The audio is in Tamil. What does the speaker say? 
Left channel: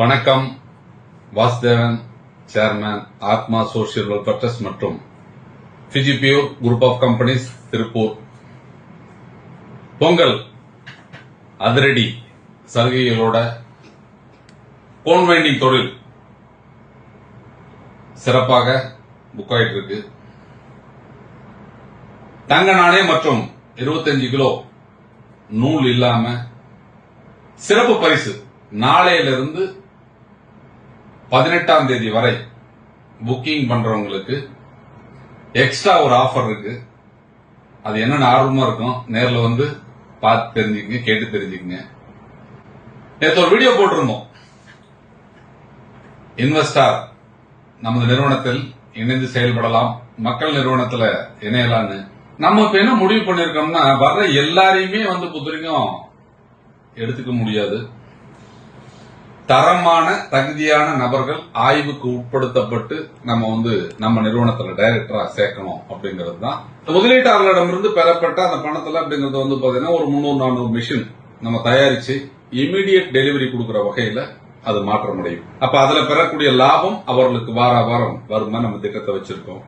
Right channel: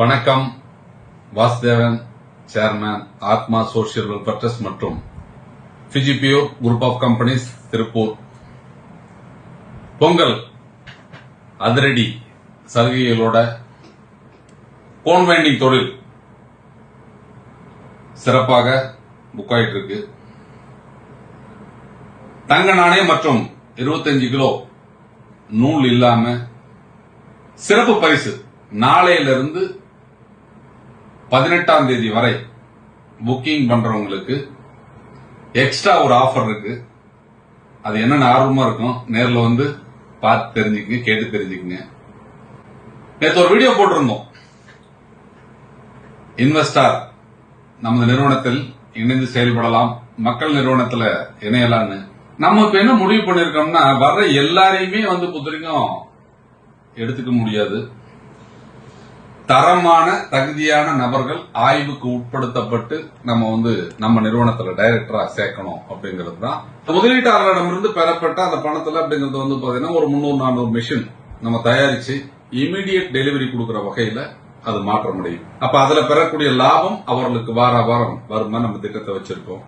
வணக்கம். Vasudevan, chairman, Athma social welfare trust மற்றும் பிஜிபியூர் group of companies, Tiruppur. Pongal அதிரடி சலுகைகளோட போன் வைண்டிங் தொழில் சிறப்பாக புக் ஆயிட்டு இருக்கு. தங்க நாணயம் மற்றும் 25 கிலோ நூல் இல்லாம சிறப்பு பரிசு நாளையிலிருந்து 18ஆம் தேதி வரை புக்கிங் பண்றவங்களுக்கு எக்ஸ்ட்ரா ஒரு ஆஃபர் இருக்கு. அது என்னன்னு ஆர்வமா இருக்கும், நேரில் வந்து பார்த்து தெரிஞ்சுக்கங்க, கேட்டு தெரிஞ்சுக்கங்க. நேற்று ஒரு வீடியோ போட்டிருந்தோம். இன்வெஸ்டார் நமது நிறுவனத்தில் இணைந்து செயல்படலாம், மக்கள் நிறுவனத்தில் இணையலாம்னு நம்ம இப்ப என்ன முடிவு பண்ணிருக்கோம்னா, வர்ற எல்லாரையுமே வந்து புத்தரிக்கும் எடுத்துக்க முடியாது. தரமான தகுதியான நபர்கள் ஆய்வுக்கு உட்படுத்தப்பட்டு நம்ம நிறுவனத்துல டைரக்டரா சேர்க்கணும் அப்படிங்கிறது தான். முதலீட்டாளர்களிடமிருந்து பெறப்பட்ட அந்த பணத்துல அப்படிங்கிறது பாத்தீங்கன்னா ஒரு 300-400 மிஷின் நம்ம தயாரிச்சு இமீடியட் டெலிவரி கொடுக்கிற வகையில அது மாற்றம் அடையும். அப்ப அதுல பெறக்கூடிய லாபம் அவர்களுக்கு வாரம் வருமா நம்ம திட்டத்தை வச்சிருக்கோம்.